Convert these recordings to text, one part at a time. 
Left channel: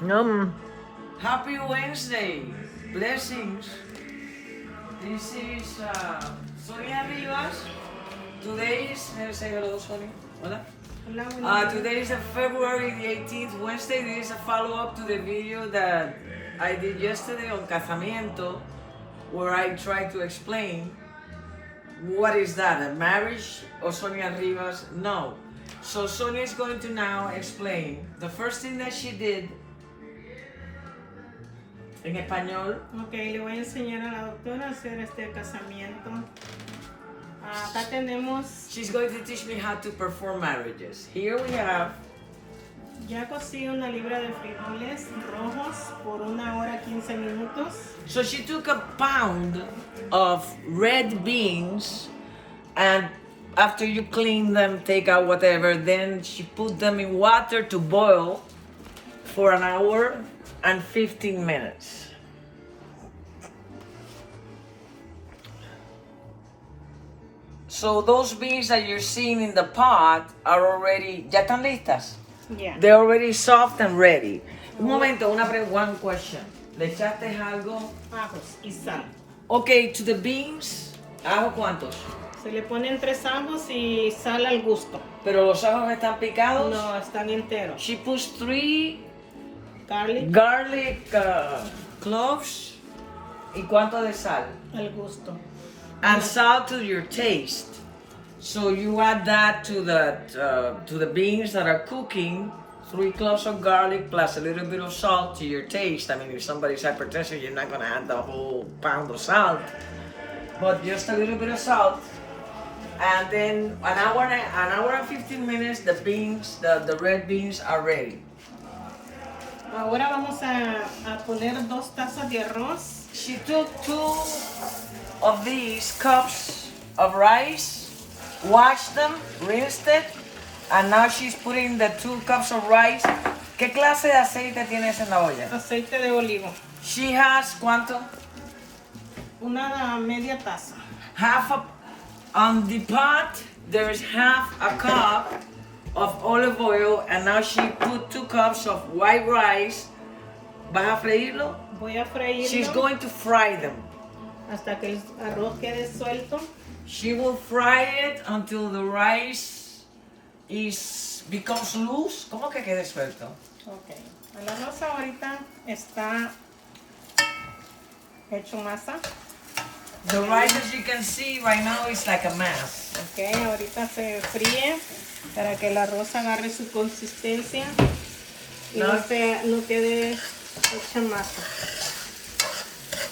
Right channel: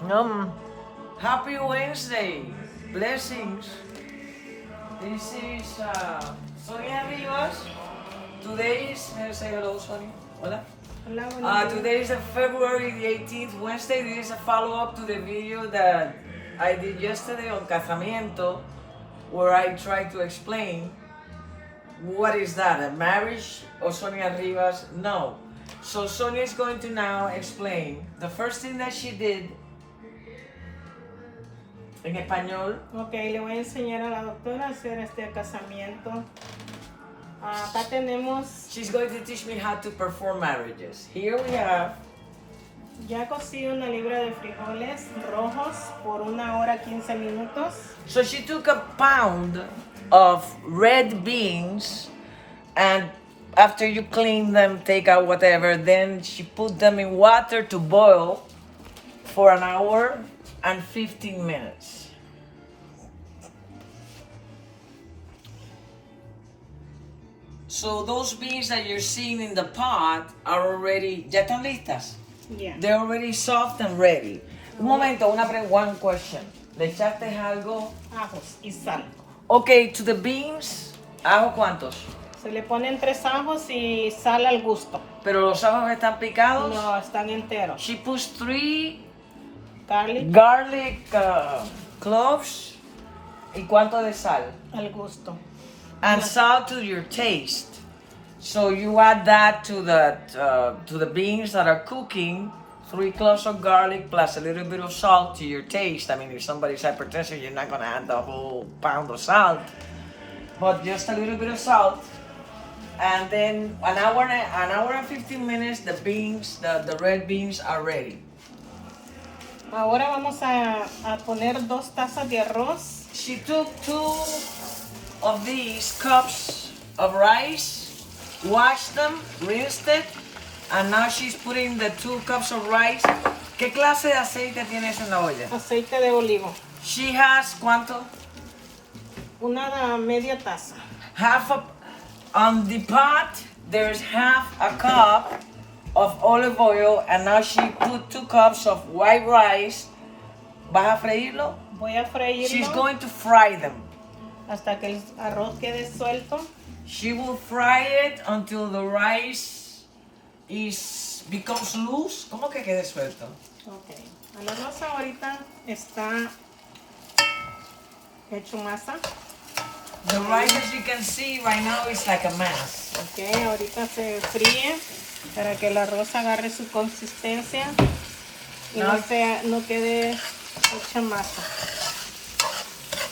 Happy Wednesday. Blessings. This is Sonia Rivas. Today is, say hello, Sonia. Hola. Today is February the 18th, Wednesday. This is a follow-up to the video that I did yesterday on Casamiento, where I tried to explain what is that, a marriage or Sonia Rivas? No. So Sonia is going to now explain the first thing that she did en español. Ok, le voy a enseñar a la doctora a hacer este casamiento. Acá tenemos. She's going to teach me how to perform marriages. Here we have. Ya cocí una libra de frijoles rojos por 1 hora 15 minutos. So she took a pound of red beans, and after you clean them, take out whatever, then she put them in water to boil for 1 hour and 15 minutes. So those beans that you're seeing in the pot are already, ya están listas? Yeah. They're already soft and ready. Un momento, one question. ¿Le echaste algo? Ajos y sal. Okay, to the beans, ¿ajo cuántos? Se le ponen 3 ajos y sal al gusto. ¿Pero los ajos están picados? No, están enteros. She puts 3 Garlic cloves. ¿Y cuánto de sal? al gusto. And salt to your taste. So you add that to the beans that are cooking. 3 cloves of garlic plus a little bit of salt to your taste. I mean, if somebody's hypertensive, you're not gonna add the whole pound of salt, but just a little bit of salt. And then an hour and 15 minutes, the beans, the red beans are ready. Ahora vamos a poner 2 tazas de arroz. She took 2 of these cups of rice, washed them, rinsed it, and now she's putting the 2 cups of rice. ¿Qué clase de aceite tienes en la olla? Aceite de olivo. She has ¿cuánto? Una media taza. On the pot, there's half a cup of olive oil, and now she put 2 cups of white rice. ¿Vas a freírlo? Voy a freírlo. She's going to fry them. Hasta que el arroz quede suelto. She will fry it until the rice becomes loose. ¿Cómo que quede suelto? Ok. El arroz ahorita está hecho masa. The rice, as you can see right now, is like a mass. Ok, ahorita se fríe para que el arroz agarre su consistencia y no quede hecha masa.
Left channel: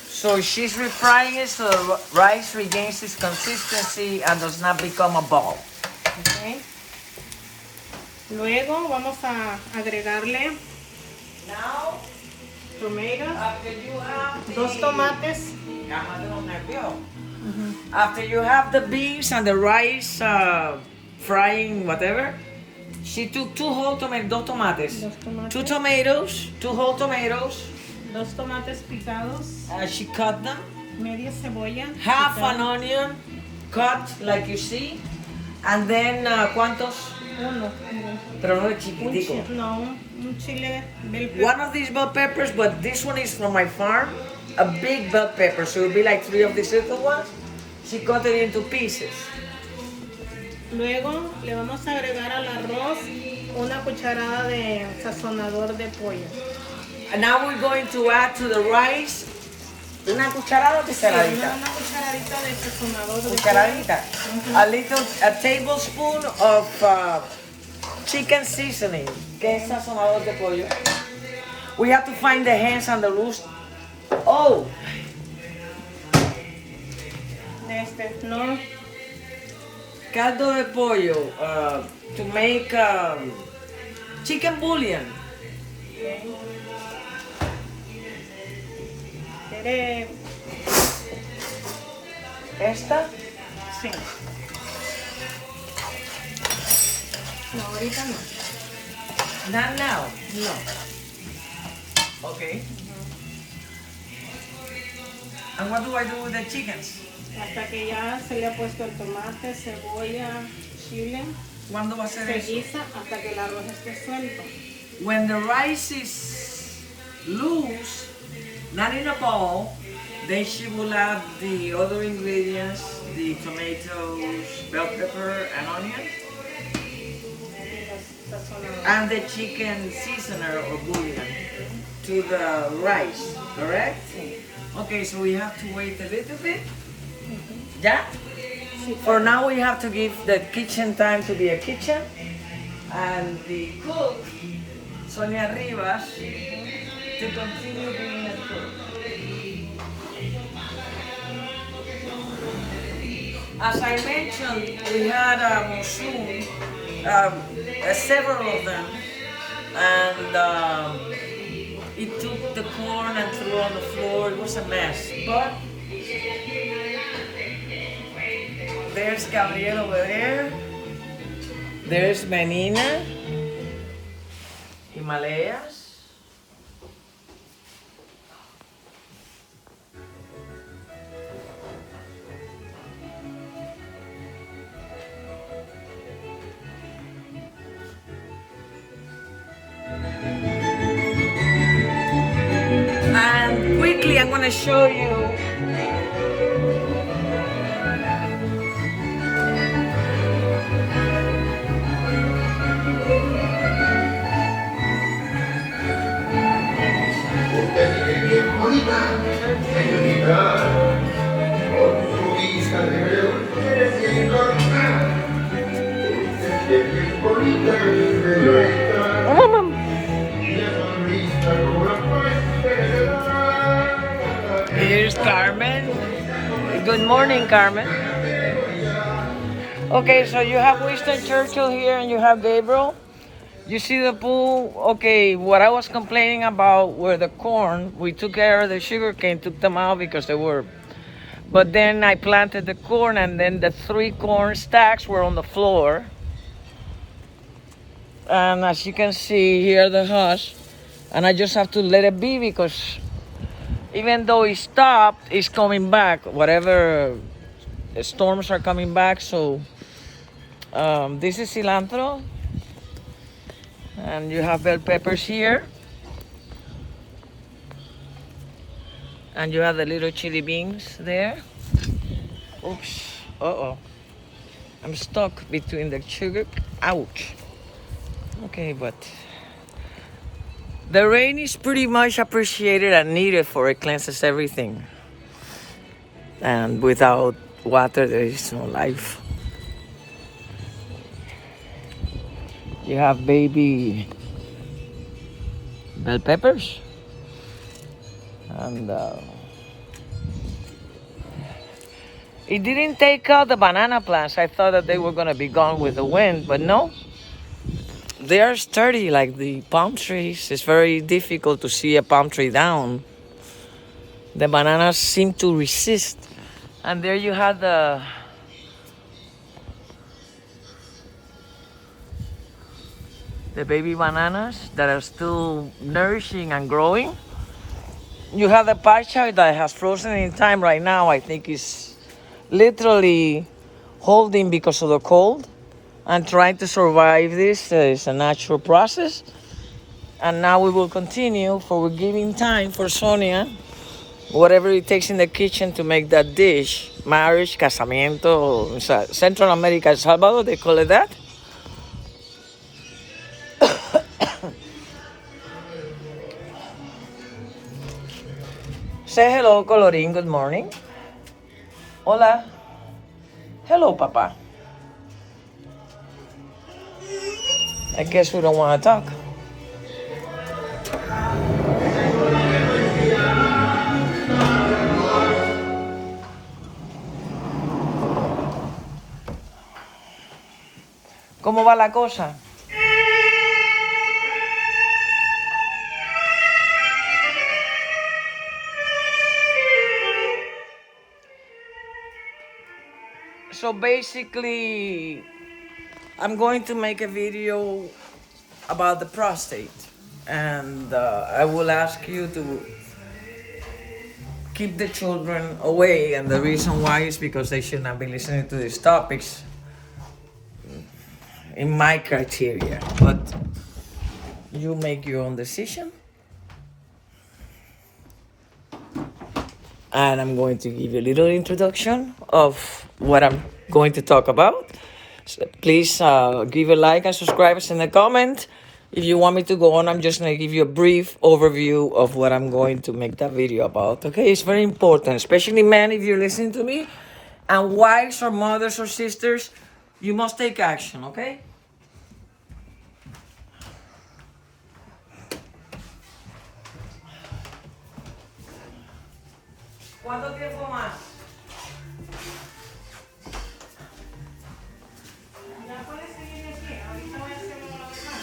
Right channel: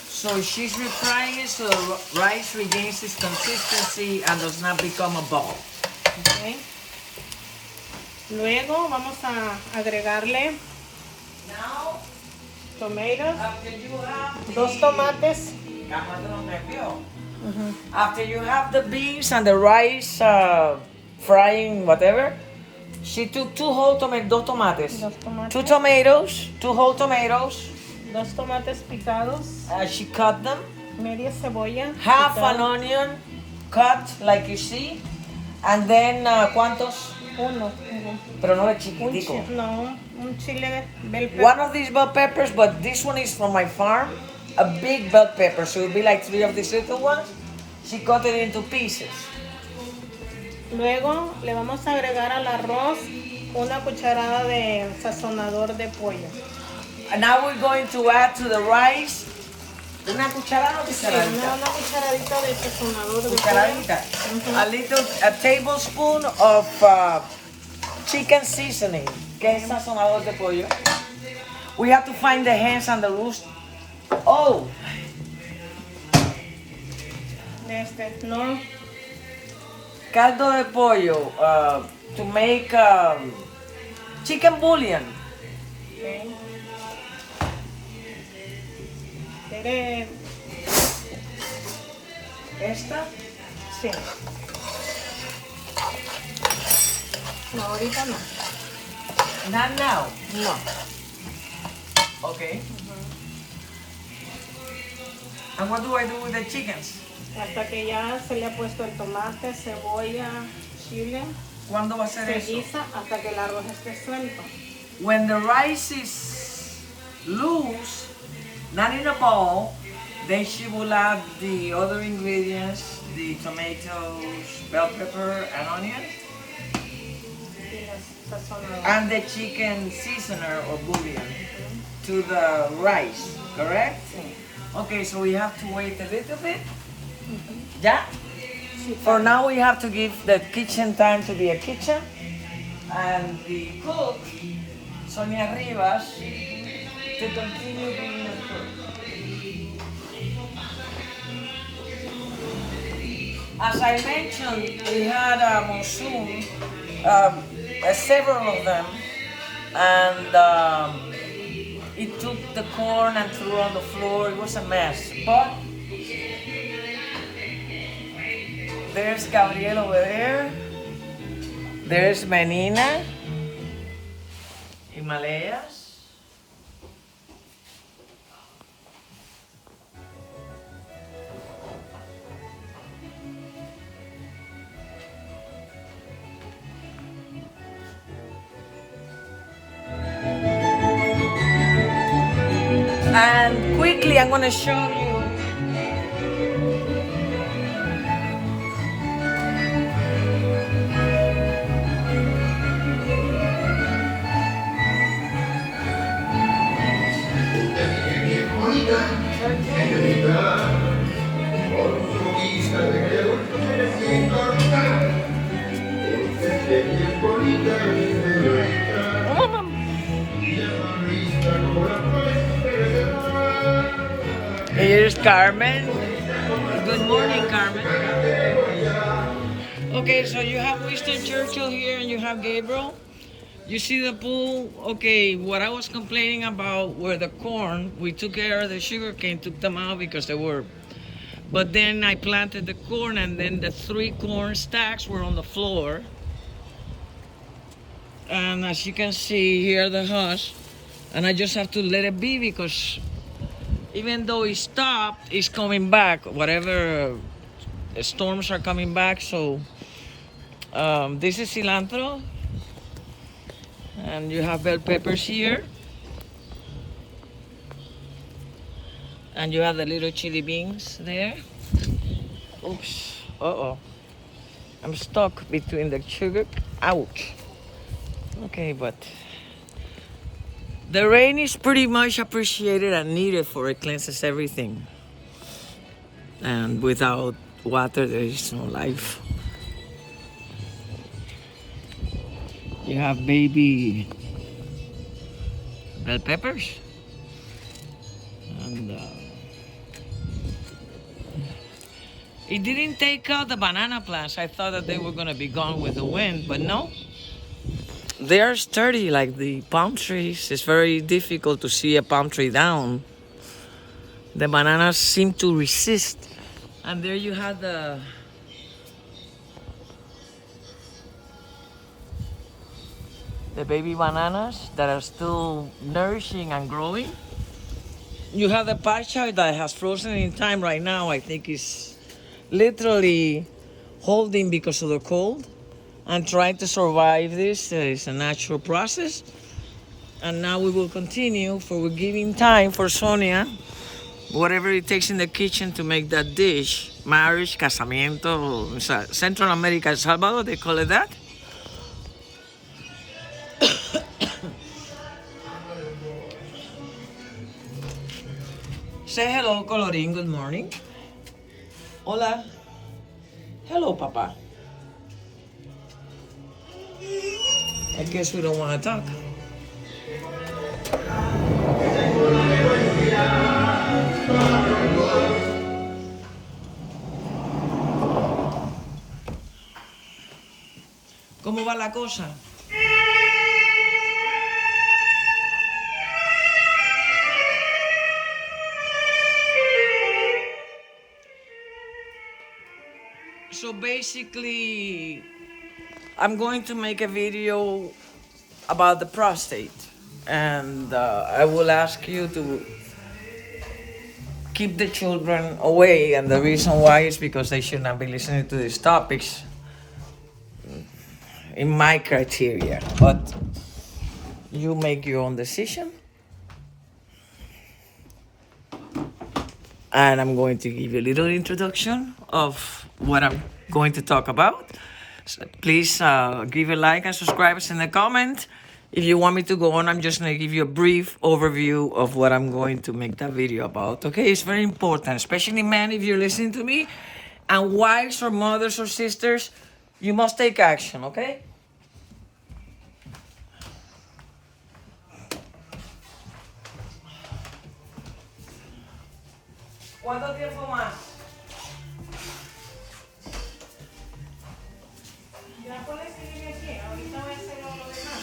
So she's refrying it so the rice regains its consistency and does not become a ball. Okay. Luego vamos a agregarle Now, tomatoes, after you have 2 tomates. After you have the beans and the rice frying whatever, she took 2 whole tomatoes, 2 tomates, 2 tomatoes, 2 whole tomatoes. 2 tomates picados, She cut them. media cebolla, Half picada, an onion cut like you see. And then, ¿cuántos? uno, Pero no es chiquitico. un chile bell pepper. One of these bell peppers, but this one is from my farm. A big bell pepper, so it will be like 3 of these little ones. She cut it into pieces. Luego le vamos a agregar al arroz una cucharada de sazonador de pollo. And now we're going to add to the rice una cucharada o cucharadita. Una cucharadita de sazonador de Cucharadita. pollo. A tablespoon of chicken seasoning. ¿Qué es sazonador de pollo? We have to find the hands and the loose. Oh. No. Caldo de pollo to make chicken bouillon. ¿Quiere? ¿Esta? Sí. No, ahorita no. Not now. No. Okay. And what do I do with the chickens? Hasta que ya se le ha puesto el tomate, cebolla, chile. ¿Cuándo va a ser Se eso? guisa hasta que el arroz esté suelto. When the rice is loose, not in a bowl. Then she will add the other ingredients, the tomatoes, bell pepper, and onions, and the chicken seasoner or bouillon to the rice, correct? Okay, so we have to wait a little bit. Yeah? For now, we have to give the kitchen time to be a kitchen, and the cook, Sonia Rivas, to continue being a cook. As I mentioned, we had a monsoon, several of them, and it took the corn and threw on the floor. It was a mess. But there's Gabriel over there. There's Menina, Himalayas. And quickly, I'm going to show you. Here's Carmen. Good morning, Carmen. Okay, so you have Winston Churchill here and you have Gabriel. You see the pool? Okay, what I was complaining about were the corn. We took care of the sugar cane, took them out because they were. But then I planted the corn, and then the 3 corn stacks were on the floor. And as you can see, here the husk. And I just have to let it be because even though it stopped, it's coming back. Whatever storms are coming back. So this is cilantro. And you have bell peppers here. And you have the little chili beans there. Oops. Uh-oh. I'm stuck between the sugar. Ouch. Okay, but the rain is pretty much appreciated and needed, for it cleanses everything. And without water, there is no life. You have baby bell peppers. And it didn't take out the banana plants. I thought that they were going to be gone with the wind, but no. They are sturdy like the palm trees. It's very difficult to see a palm tree down. The bananas seem to resist. And there you have the baby bananas that are still nourishing and growing. You have the pacha that has frozen in time right now. I think it's literally holding because of the cold and trying to survive this. It's a natural process. And now we will continue, for we're giving time for Sonia, whatever it takes in the kitchen to make that dish. Marriage, casamiento, Central America, El Salvador, they call it that. Say hello, Colorín. Good morning. Hola. Hello, Papa. I guess we don't want to talk. ¿Cómo va la cosa? So basically, I'm going to make a video about the prostate, and I will ask you to keep the children away, and the reason why is because they should not be listening to these topics in my criteria, but you make your own decision. and I'm going to give you a little introduction of what I'm going to talk about. So please give a like and subscribe us in the comment. If you want me to go on, I'm just going to give you a brief overview of what I'm going to make that video about. Okay, it's very important, especially men, if you're listening to me, and wives or mothers or sisters, you must take action, okay? ¿Cuánto tiempo más? Ya puedes seguir aquí. Ahorita voy a hacer lo demás.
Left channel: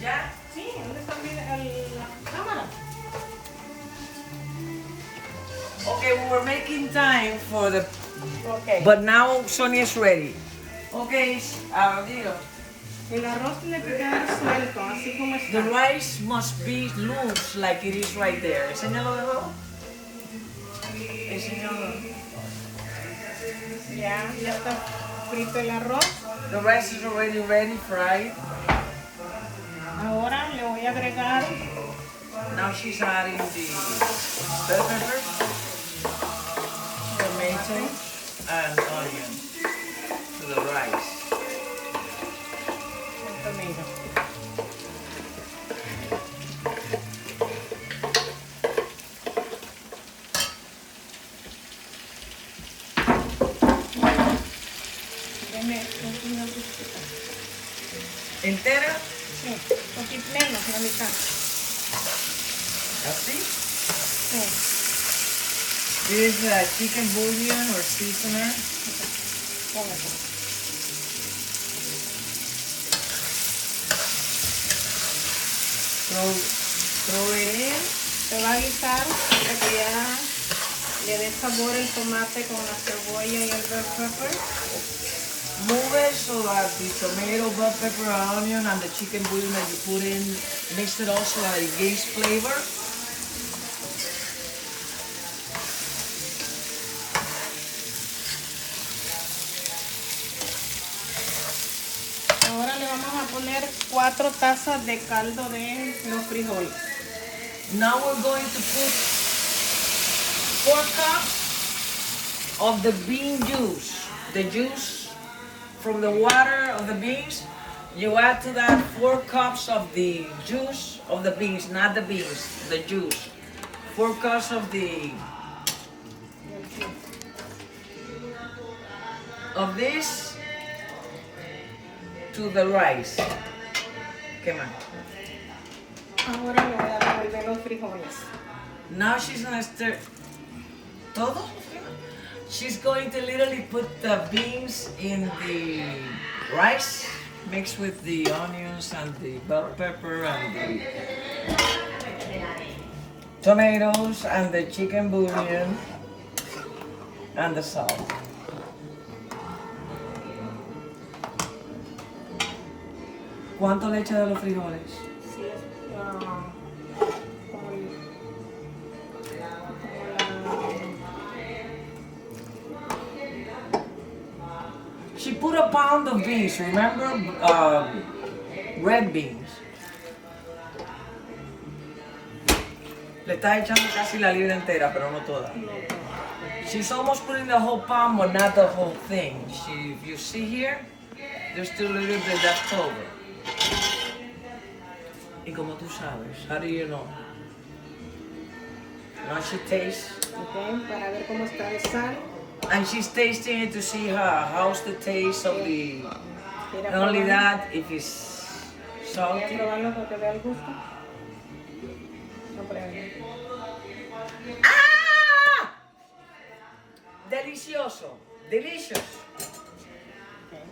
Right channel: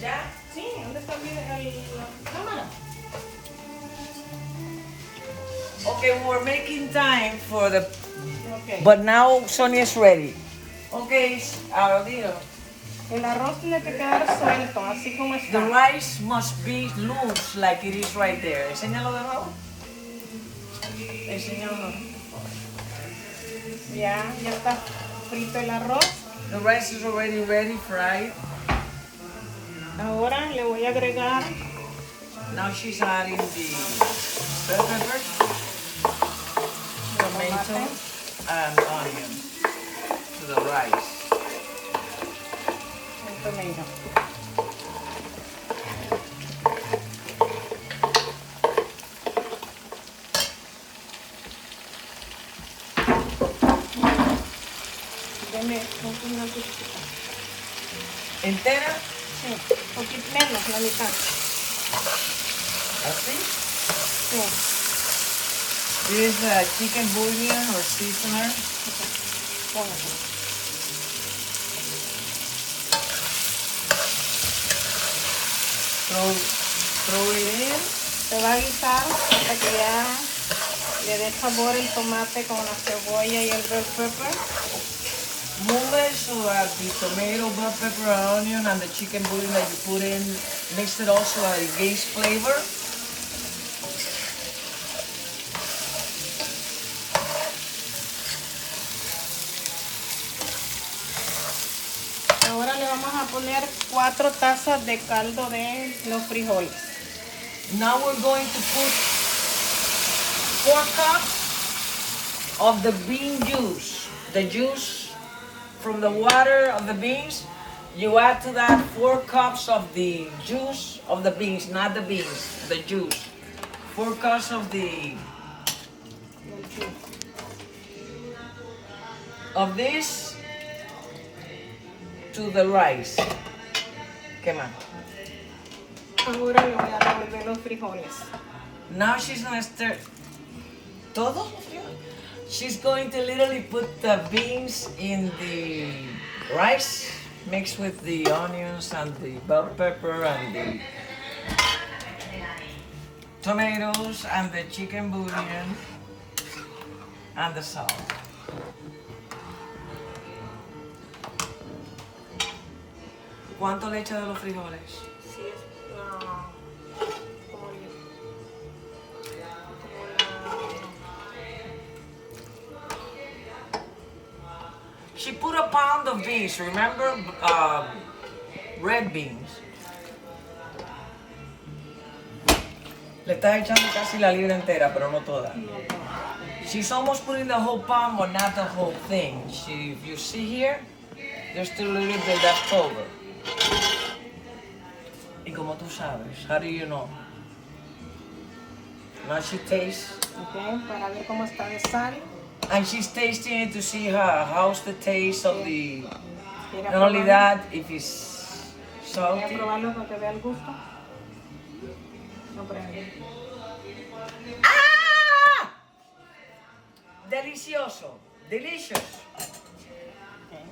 ¿Ya? Sí, ¿dónde está la cámara? Okay, we're making time for the... Okay. But now Sonia is ready. Okay, Dios. El arroz tiene que quedar suelto, así como The está. rice must be loose like it is right there. Enséñalo de nuevo. Enséñalo. Ya está frito el arroz. The rice is already ready, fried. Ahora le voy a agregar Now she's adding the bell peppers, tomato, and onion to the rice. el tomato. Deme una cucharada. ¿Entera? Sí, un poquito menos, la mitad. Así. Sí. This is a chicken bouillon or seasoner. Póngase. Throw it in. Se va a guisar hasta que ya le dé sabor el tomate con la cebolla y el bell pepper. Move it so that the tomato, bell pepper, and onion and the chicken bouillon that you put in, mix it also so that it gains flavor. Ahora le vamos a poner 4 tazas de caldo de los frijoles. Now we're going to put 4 cups of the bean juice. The juice from the water of the beans. You add to that 4 cups of the juice of the beans, not the beans, the juice. 4 cups of this to the rice. ¿Qué más? Ahora le voy a revolver los frijoles. Now she's gonna stir. ¿Todo? She's going to literally put the beans in the rice mixed with the onions and the bell pepper and the tomatoes and the chicken bouillon and the salt. ¿Cuánto le echa de los frijoles? She put a pound of beans, remember? Red beans. Le está echando casi la libra entera, pero no toda. She's almost putting the whole pound, but not the whole thing. If you see here, there's still a little bit left over. Y como tú sabes, how do you know? Now she tastes. Okay, para ver cómo está el sal. And she's tasting it to see how's the taste of the. Quiere Not only probarlo. that, if it's Voy a salty. probarlo para que vea el gusto. No, pruebe. ¡Ah! Delicioso. Delicious. Okay.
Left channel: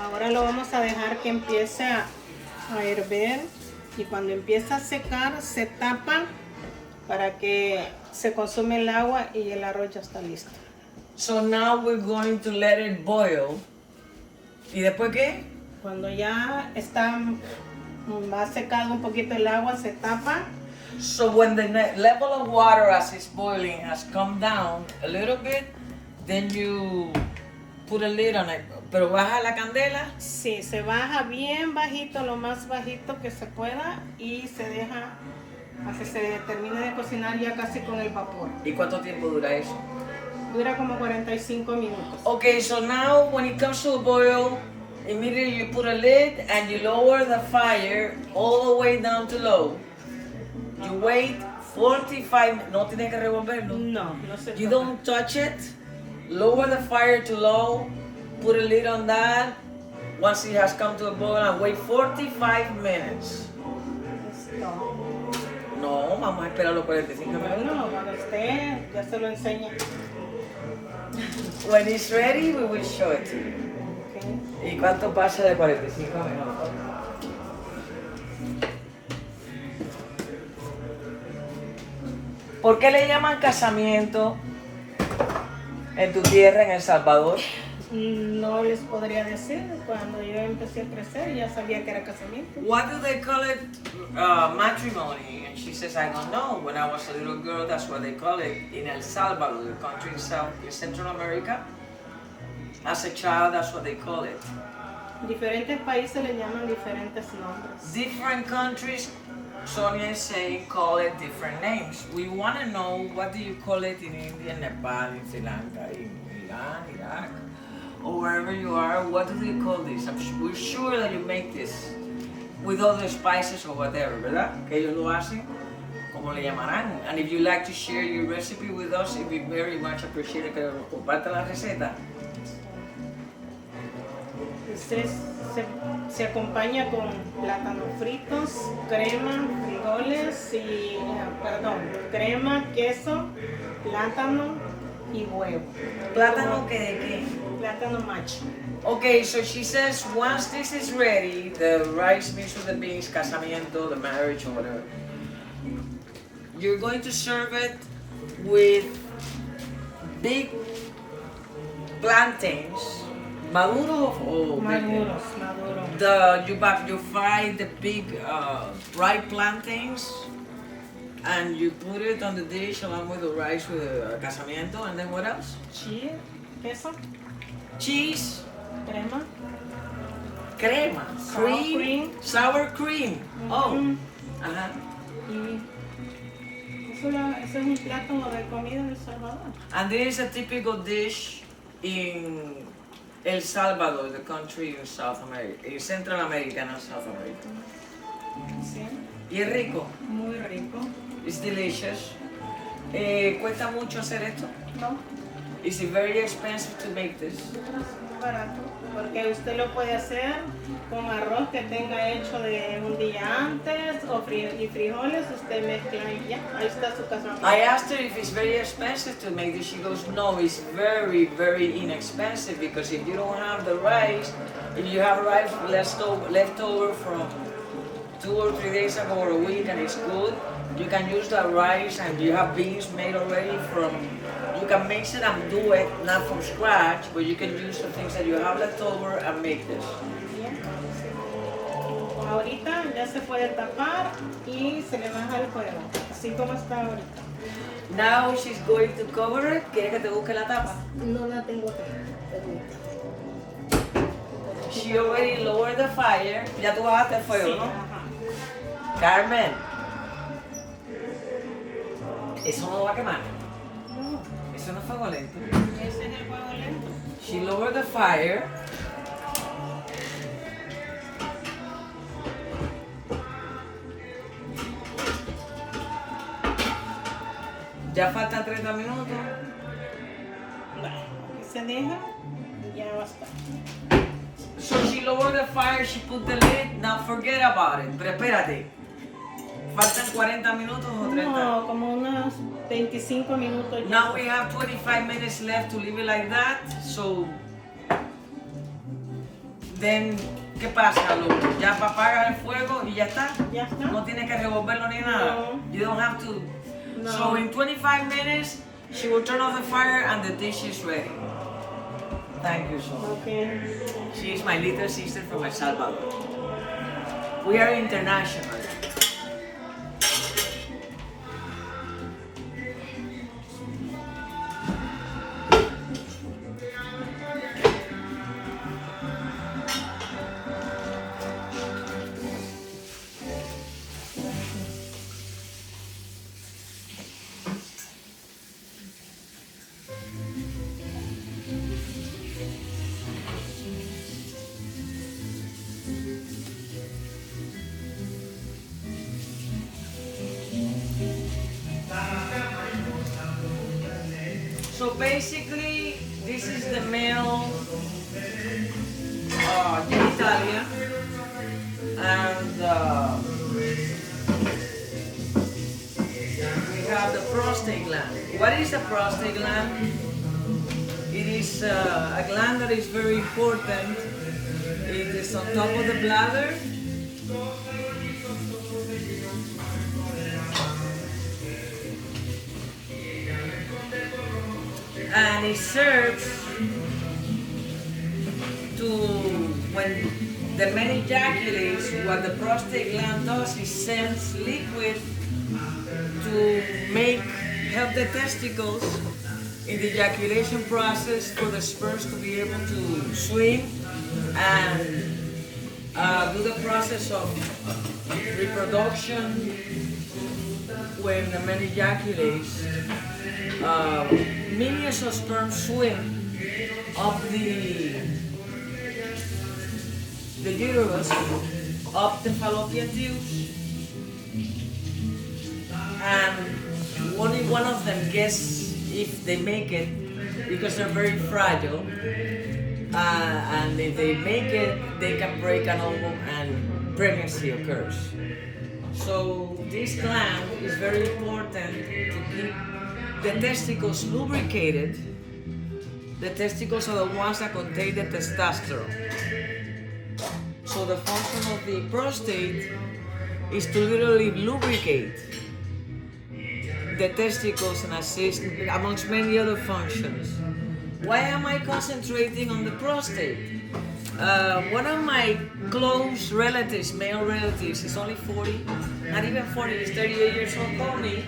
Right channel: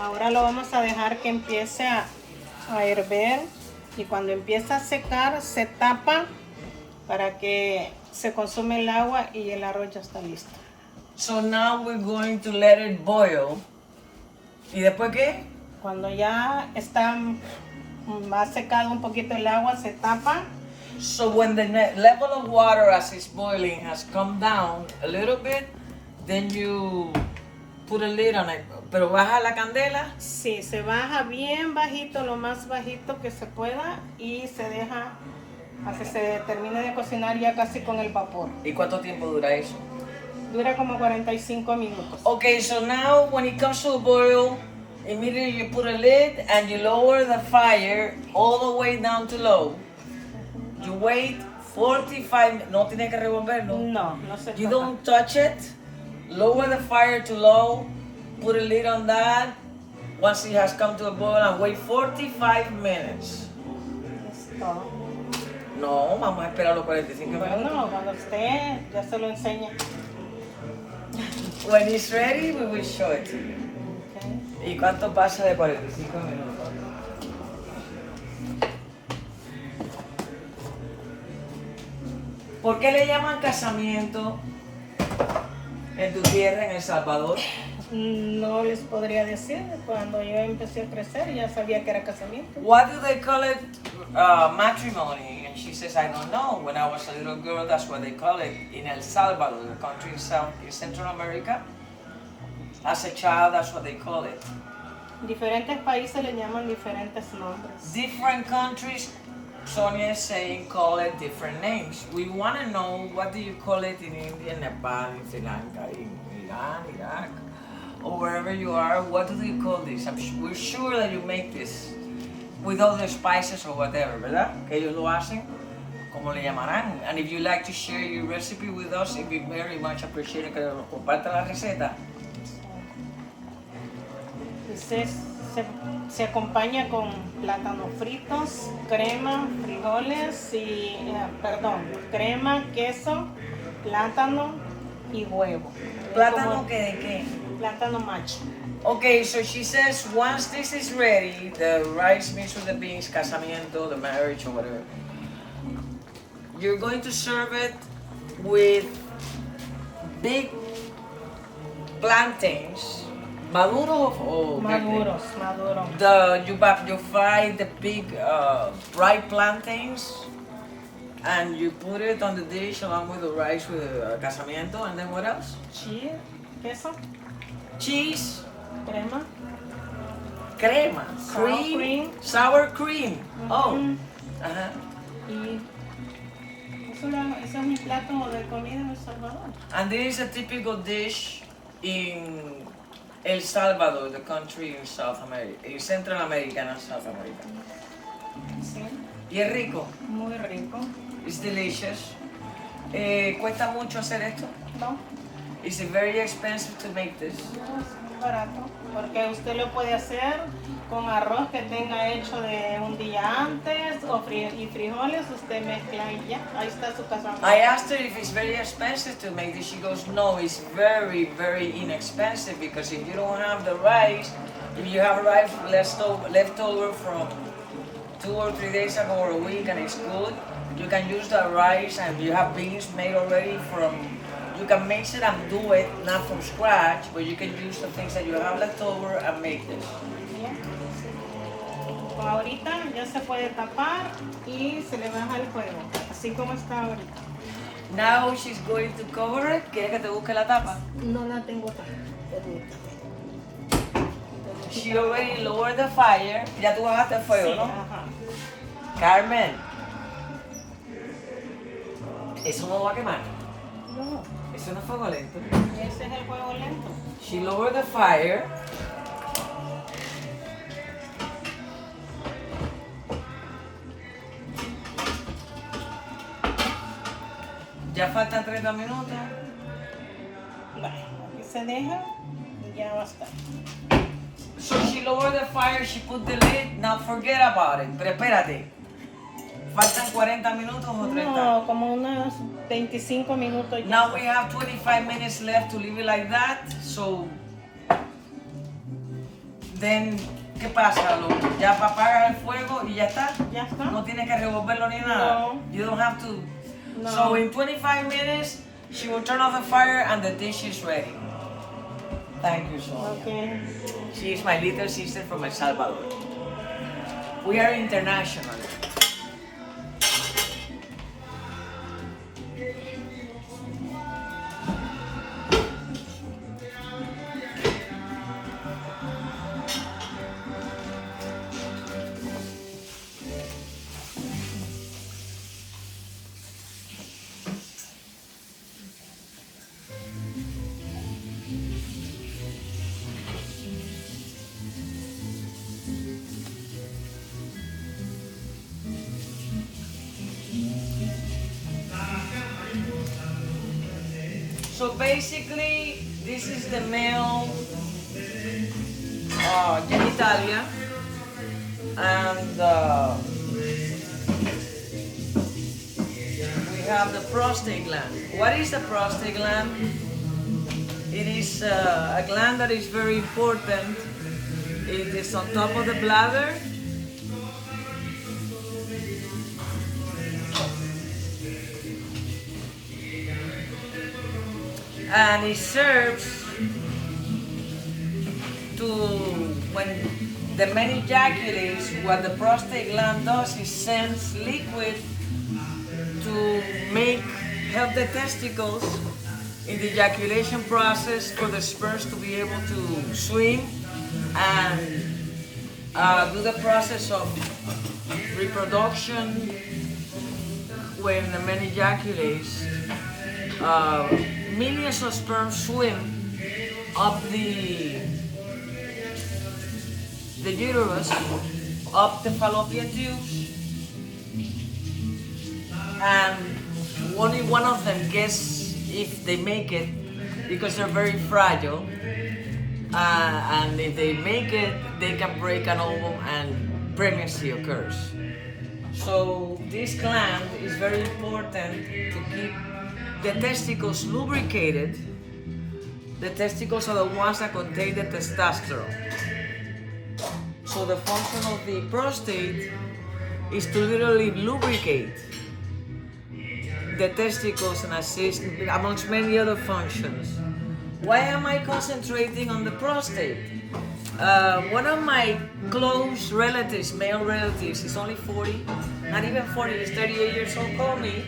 Ahora lo vamos a dejar que empiece a hervir y cuando empieza a secar se tapa para que se consume el agua y el arroz ya está listo. So now we're going to let it boil. ¿Y después qué? Cuando ya está más secado un poquito el agua se tapa. So when the level of water as it's boiling has come down a little bit, then you put a lid on it. Pero baja la candela. Sí, se baja bien bajito, lo más bajito que se pueda y se deja a que se termine de cocinar ya casi con el vapor. ¿Y cuánto tiempo dura eso? Dura como 45 minutos. Okay, so now when it comes to a boil, immediately you put a lid and you lower the fire all the way down to low. You wait 45, no tienes que revolverlo. No, no se You toca. don't touch it. Lower the fire to low. Put a lid on that. Once it has come to a boil, and wait 45 minutes. Listo. No, vamos a esperar los 45 minutos. Bueno, cuando esté, ya se lo enseña. When it's ready, we will show it to you. Okay. ¿Y cuánto pasa de 45 minutos? ¿Por qué le llaman casamiento en tu tierra, en El Salvador? No les podría decir, cuando yo empecé a crecer ya sabía que era casamiento. What do they call it? Matrimony. And she says, I don't know. When I was a little girl, that's what they call it in El Salvador, the country in Central America. As a child, that's what they call it. Diferentes países le llaman diferentes nombres. Different countries, Sonia is saying, call it different names. We want to know, what do you call it in India, Nepal, in Sri Lanka, in Iran, Iraq, or wherever you are? What do they call this? We're sure that you make this with all the spices or whatever, ¿verdad? Que ellos lo hacen, como le llamarán. And if you like to share your recipe with us, it'd be very much appreciated que nos comparta la receta. Se acompaña con plátanos fritos, crema, frijoles y, crema, queso, plátano y huevo. ¿Plátano que de qué? Plátano macho. Okay, so she says once this is ready, the rice mixed with the beans, casamiento, the marriage or whatever, you're going to serve it with big plantains. Maduro or Maduros. you fry the big ripe plantains and you put it on the dish along with the rice with the casamiento, and then what else? Cheese, queso, Cheese, crema, sour cream. Oh, Y eso es un plato de comida en El Salvador. and this is a typical dish in El Salvador, the country in South America, in Central America and South America. Sí, Y es rico, muy rico. it's delicious. ¿Cuesta mucho hacer esto? ¿No? Is it very expensive to make this? Es muy barato, porque usted lo puede hacer con arroz que tenga hecho de un día antes y frijoles, usted mezcla y ya, ahí está su casamiento. I asked her if it's very expensive to make this. She goes, no, it's very, very inexpensive, because if you don't have the rice, if you have rice left over from 2 or 3 days ago or a week and it's good, you can use the rice, and you have beans made already you can mix it and do it, not from scratch, but you can use the things that you have left over and make this. Ahorita ya se puede tapar y se le baja el fuego, así como está ahorita. Now she's going to cover it. ¿Quiere que te busque la tapa? No la tengo acá. She already lowered the fire. Ya tú bajaste el fuego, Sí, ¿no? ajá. Carmen, eso no va a quemar. No, Eso no es fuego lento. ese es el fuego lento. She lowered the fire. Ya faltan 30 minutos. Bueno, que se deja, ya va a estar. So she lowered the fire, she put the lid. Now forget about it. Pero espérate. ¿Faltan 40 minutos o 30? No, como unos 25 minutos. Now we have 25 minutes left to leave it like that. So then, ¿qué pasa? Ya apagas el fuego y ya está. Ya está. No tienes que revolverlo ni nada. No. You don't have to. No. So in 25 minutes, she will turn off the fire and the dish is ready. Thank you, Sonia. Okay. She is my little sister from El Salvador. We are international. basically, this is the male genitalia, and we have the prostate gland. What is the prostate gland? It is a gland that is very important. It is on top of the bladder. And it serves to, when the man ejaculates, what the prostate gland does is sends liquid to help the testicles in the ejaculation process for the sperms to be able to swim and do the process of reproduction. When the man ejaculates, millions of sperm swim up the uterus, up the fallopian tubes, and only one of them gets if they make it, because they're very fragile, and if they make it, they can break an ovum and pregnancy occurs. So this gland is very important to keep the testicles lubricated. The testicles are the ones that contain the testosterone. So the function of the prostate is to literally lubricate the testicles and assist amongst many other functions. Why am I concentrating on the prostate? One of my close relatives, male relatives, he's only 40, not even 40, he's 38 years old, called me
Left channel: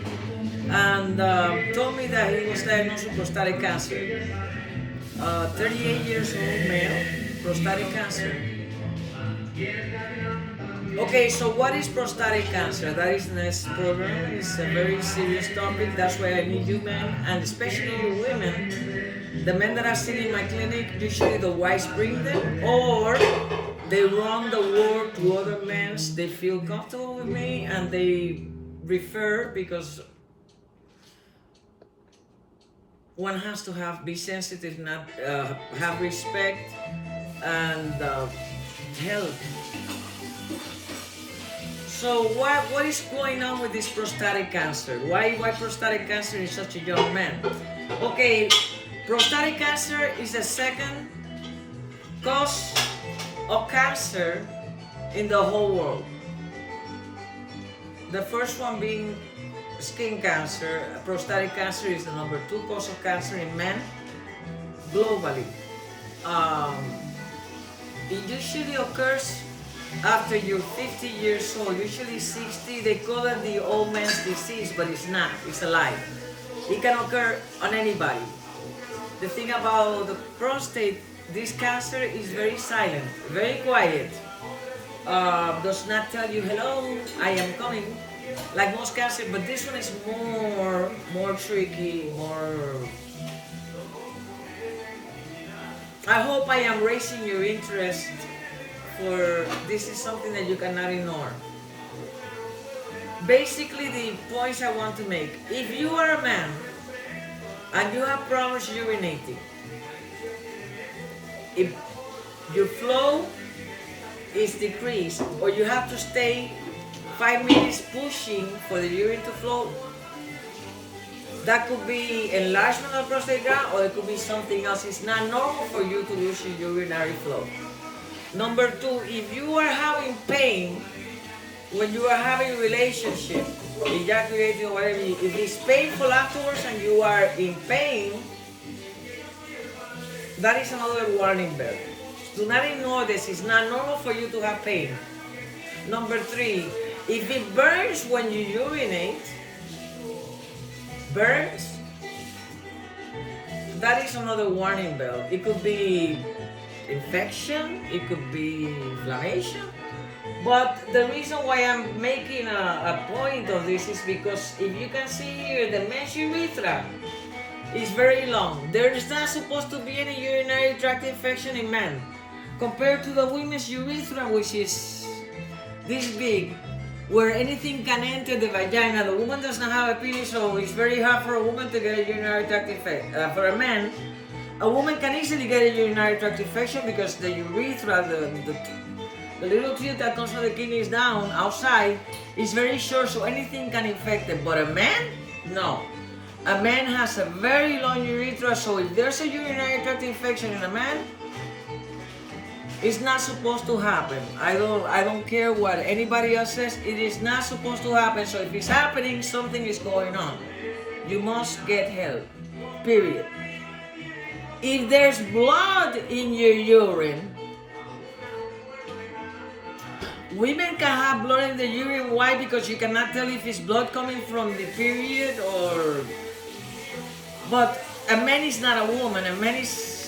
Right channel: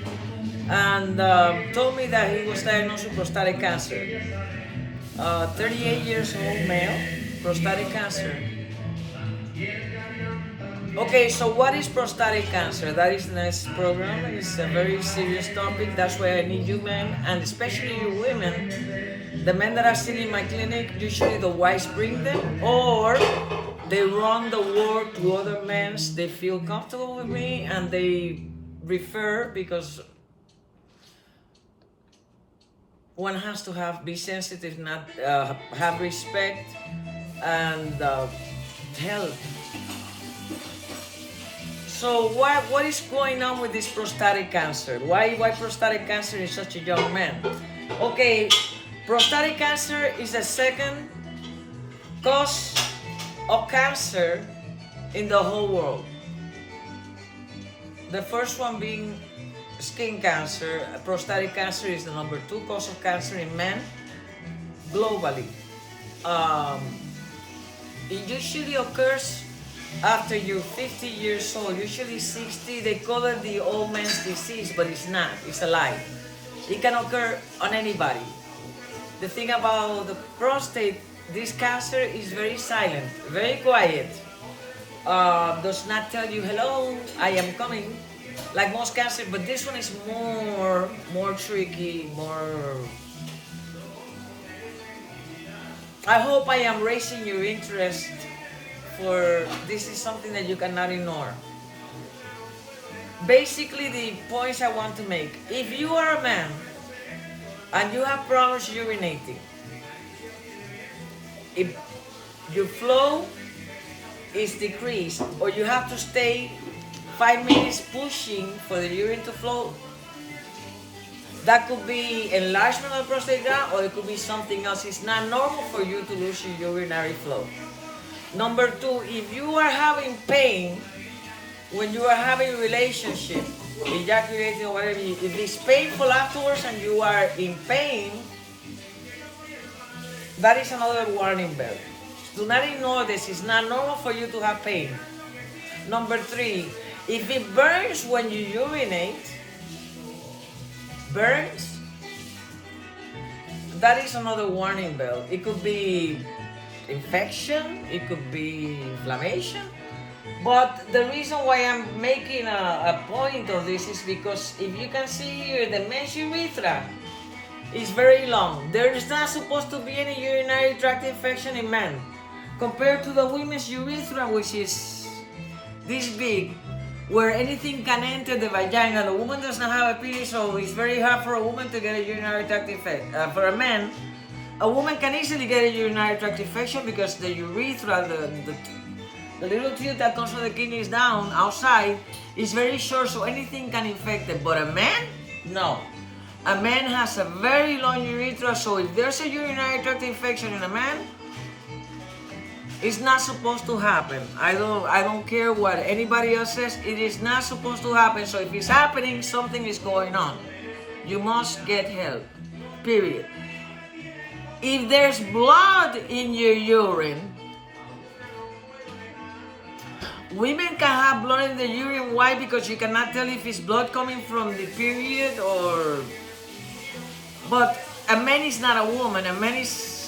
and told me that he was diagnosed with prostatic cancer. 38 years old male, prostatic cancer. Okay, so what is prostatic cancer? That is the next program. It's a very serious topic. That's why I need you men, and especially you women. The men that are still in my clinic, usually the wives bring them, or they run the work to other men. They feel comfortable with me and they refer, because one has to be sensitive, not have respect and help. So what is going on with this prostatic cancer? Why prostatic cancer in such a young man? Okay, prostatic cancer is the second cause of cancer in the whole world. The first one being skin cancer. Prostatic cancer is the number 2 cause of cancer in men globally. It usually occurs after you're 50 years old, usually 60. They call it the old man's disease, but it's not. It's a lie. It can occur on anybody. The thing about the prostate, this cancer is very silent, very quiet. Does not tell you, hello, I am coming, like most cancer, but this one is more tricky, more... I hope I am raising your interest, for this is something that you cannot ignore. Basically, the points I want to make: if you are a man and you have problems urinating, if your flow is decreased, or you have to stay 5 minutes pushing for the urine to flow, that could be enlargement of the prostate gland, or it could be something else. It's not normal for you to lose your urinary flow. Number 2, if you are having pain when you are having a relationship, ejaculating or whatever, if it's painful afterwards and you are in pain, that is another warning bell. Do not ignore this. It's not normal for you to have pain. Number 3, if it burns when you urinate, burns, that is another warning bell. It could be infection, it could be inflammation. But the reason why I'm making a point of this is because if you can see here, the men's urethra is very long. There is not supposed to be any urinary tract infection in men, compared to the women's urethra, which is this big. where anything can enter the vagina. The woman does not have a penis, so it's very hard for a woman to get a urinary tract infection. For a man, a woman can easily get a urinary tract infection because the urethra, the little tube that comes from the kidneys down outside, is very short, so anything can infect it. But a man, no. A man has a very long urethra, so if there's a urinary tract infection in a man, it's not supposed to happen. I don't care what anybody else says. It is not supposed to happen. So if it's happening, something is going on. You must get help. Period. If there's blood in your urine, women can have blood in the urine. Why? Because you cannot tell if it's blood coming from the period or... But a man is not a woman. A man is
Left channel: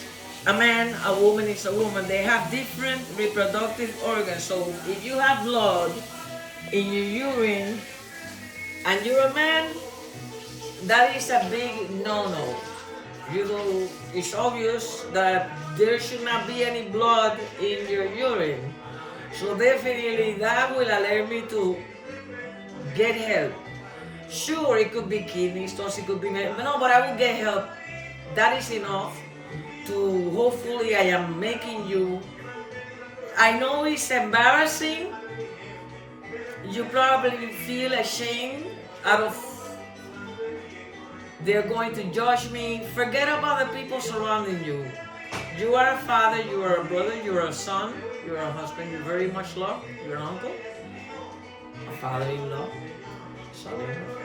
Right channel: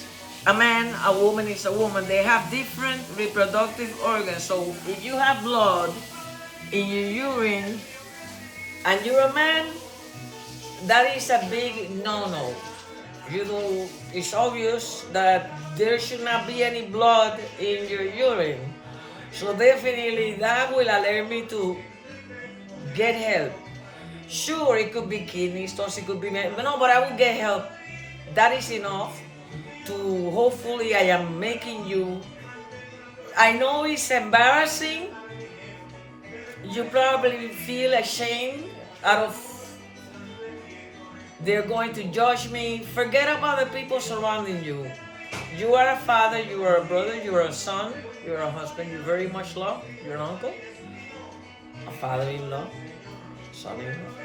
a man, a woman is a woman. They have different reproductive organs. So if you have blood in your urine and you're a man, that is a big no-no. It's obvious that there should not be any blood in your urine. So definitely that will alert me to get help. Sure, it could be kidney stones, it could be... No, but I will get help. That is enough to hopefully I am making you... I know it's embarrassing. You probably feel ashamed out of... They're going to judge me. Forget about the people surrounding you. You are a father, you are a brother, you are a son, you are a husband, you're very much loved, you're an uncle, a father-in-law, son-in-law.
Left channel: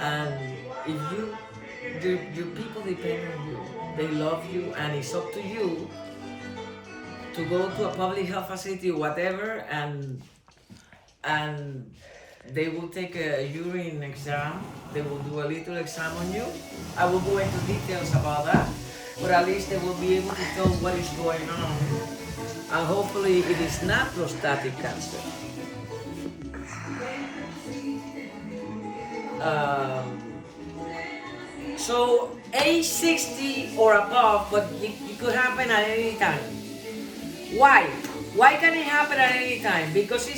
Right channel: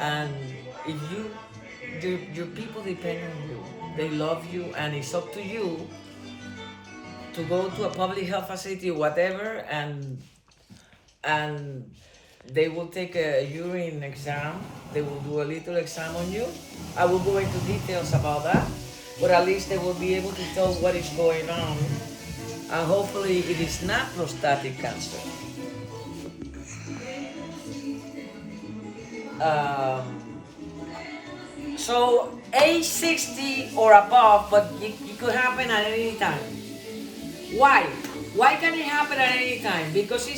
And if your people depend on you, they love you, and it's up to you to go to a public health facility or whatever, and they will take a urine exam. They will do a little exam on you. I will go into details about that, but at least they will be able to tell what is going on. And hopefully it is not prostatic cancer. So age 60 or above, but it could happen at any time. Why? Why can it happen at any time? Because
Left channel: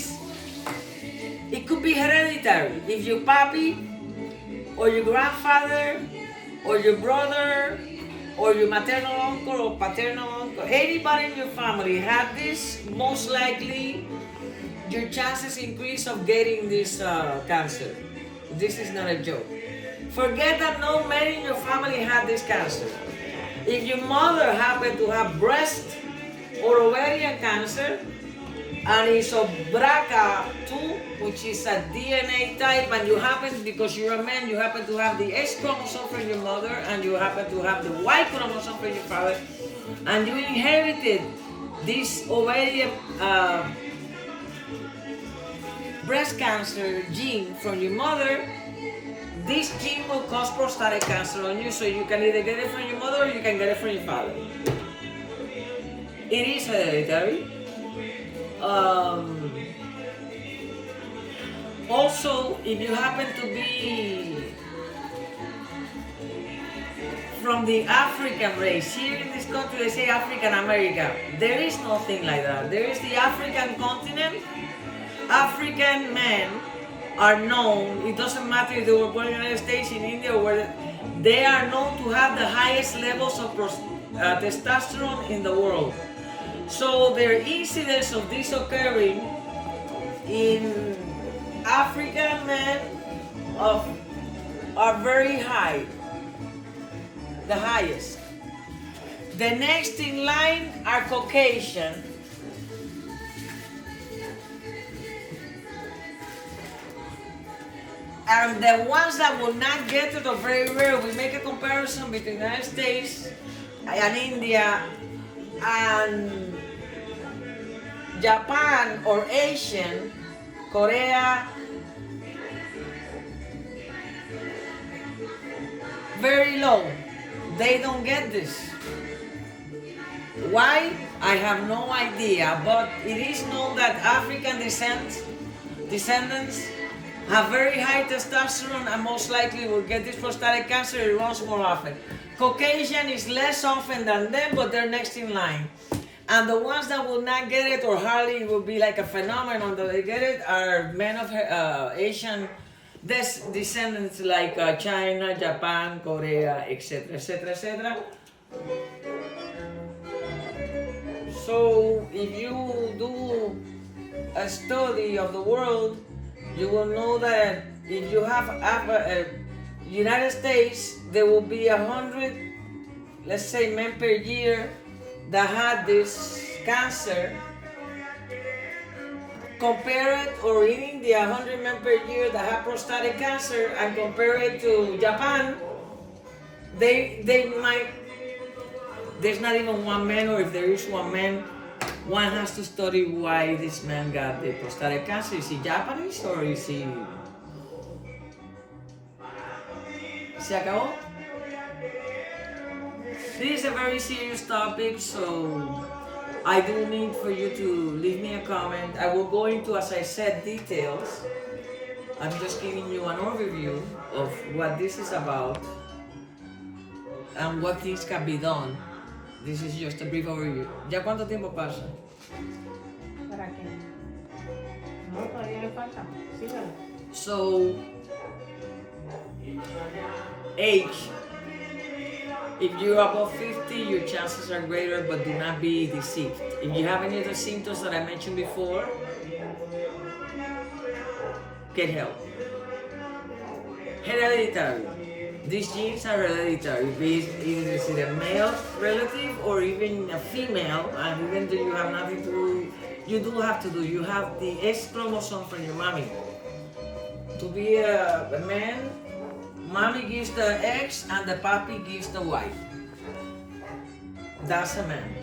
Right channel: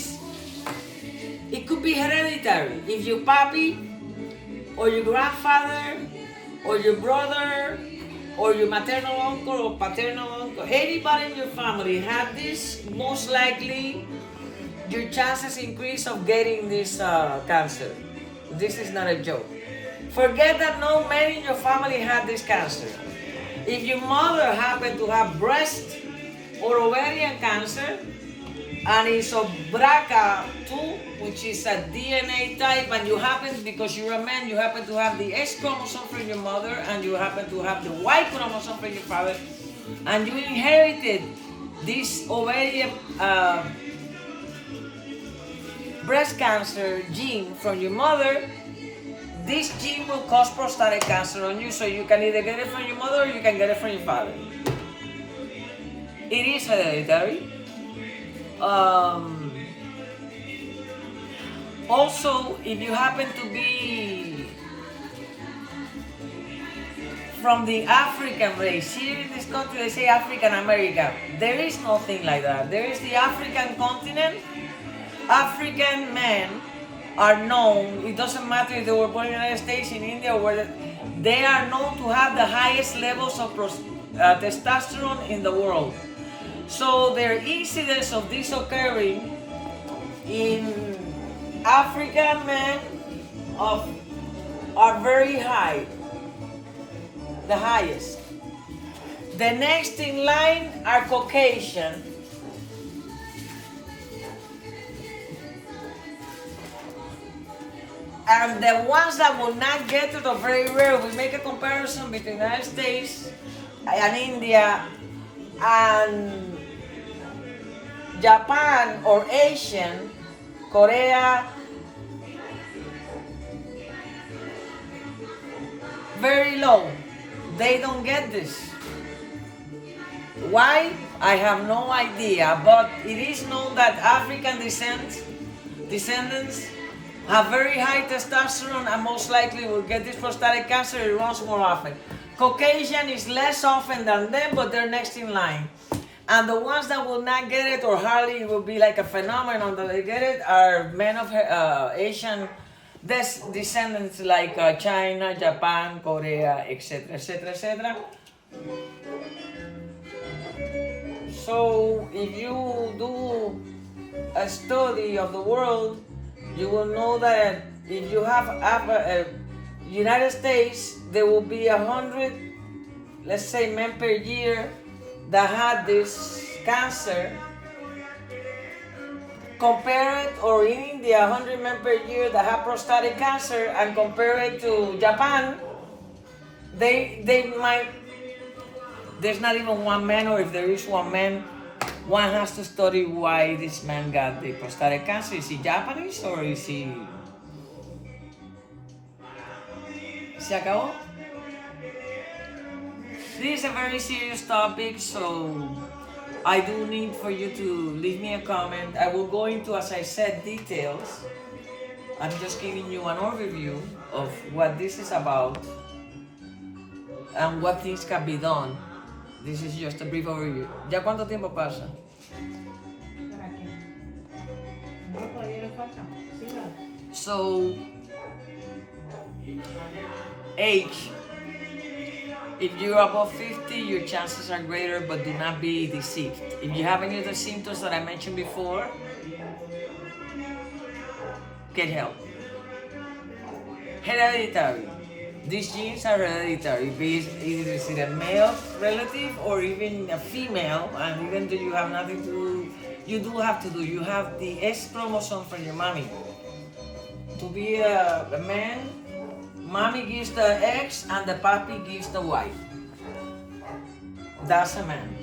it could be hereditary. If your papi, or your grandfather, or your brother, or your maternal uncle or paternal uncle, anybody in your family had this, most likely your chances increase of getting this cancer. This is not a joke. Forget that no man in your family had this cancer. If your mother happened to have breast or ovarian cancer, and it's of BRCA2, which is a DNA type, and you happen, because you're a man, you happen to have the X chromosome from your mother, and you happen to have the Y chromosome from your father, and you inherited this ovarian breast cancer gene from your mother, this gene will cause prostatic cancer on you, so you can either get it from your mother or you can get it from your father. It is hereditary. Also, if you happen to be from the African race, here in this country they say African American. There is nothing like that. There is the African continent. African men are known, it doesn't matter if they were born in the United States, in India, or where they are known to have the highest levels of testosterone in the world. So their incidence of this occurring in African men are very high, the highest. The next in line are Caucasian. And the ones that will not get it are very rare. We make a comparison between the United States and India and Japan or Asian, Korea, very low. They don't get this. Why? I have no idea, but it is known that African descendants have very high testosterone and most likely will get this prostatic cancer. It runs more often. Caucasian is less often than them, but they're next in line. And the ones that will not get it, or hardly will be like a phenomenon that they get it, are men of Asian descendants like China, Japan, Korea, etc., etc., etc. So if you do a study of the world, you will know that if you have United States, there will be 100, let's say, men per year that had this cancer. Compare it, or in India, 100 men per year that have prostatic cancer, and compare it to Japan, they might, there's not even one man, or if there is one man, one has to study why this man got the prostatic cancer. Is he Japanese or is he... ¿Se acabó? This is a very serious topic, so I do need for you to leave me a comment. I will go into, as I said, details. I'm just giving you an overview of what this is about and what things can be done. This is just a brief overview. ¿Ya cuánto tiempo pasa? ¿Para qué? No, todavía le falta. Sígale. So, age. If you're above 50, your chances are greater, but do not be deceived. If you have any other symptoms that I mentioned before, get help. Hereditary. These genes are hereditary, be it either a male relative or even a female, and even though you have nothing to do, you do have to do. You have the X chromosome from your mommy. To be a man, mommy gives the X and the papi gives the Y. That's a man.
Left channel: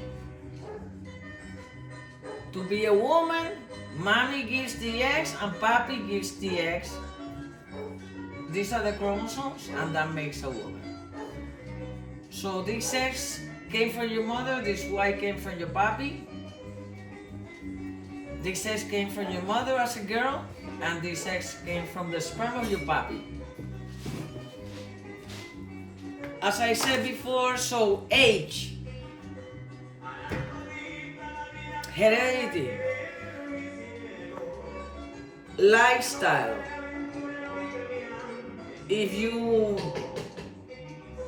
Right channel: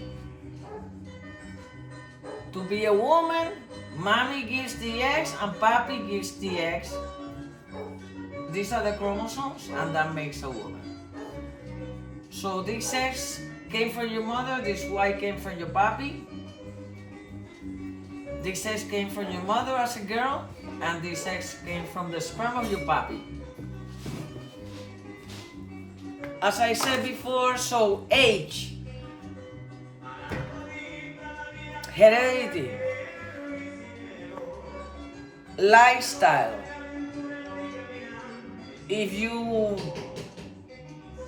To be a woman, mommy gives the X and papi gives the X. These are the chromosomes, and that makes a woman. So this X came from your mother, this Y came from your papi. This X came from your mother as a girl, and this X came from the sperm of your papi. As I said before, so age, heredity, lifestyle. If you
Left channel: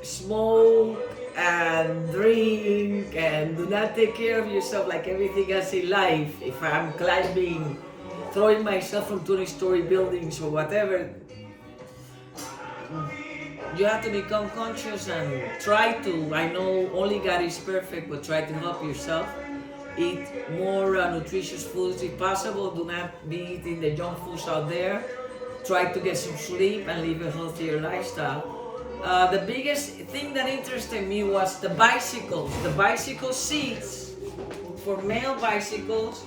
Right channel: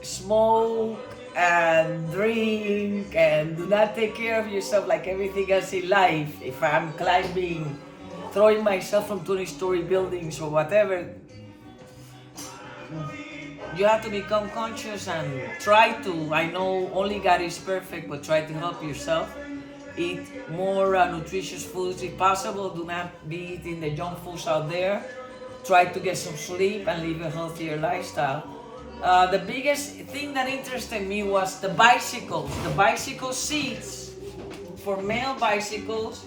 smoke and drink and do not take care of yourself like everything else in life, if I'm climbing, throwing myself from 20-story buildings or whatever, you have to become conscious and try to, I know only God is perfect, but try to help yourself. Eat more nutritious foods if possible. Do not be eating the junk foods out there. Try to get some sleep and live a healthier lifestyle. The biggest thing that interested me was the bicycles. The bicycle seats for male bicycles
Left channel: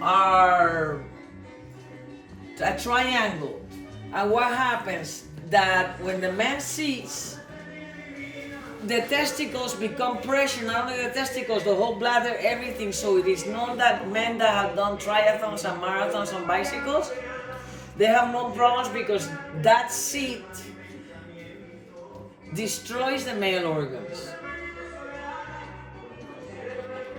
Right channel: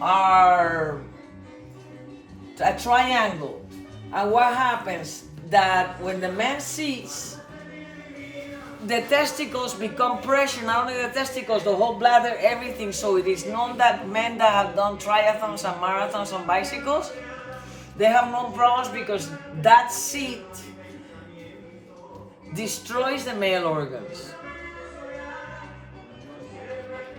are a triangle. And what happens? That when the man seats, the testicles become pressure, not only the testicles, the whole bladder, everything. So it is known that men that have done triathlons and marathons on bicycles, they have no problems because that seat destroys the male organs.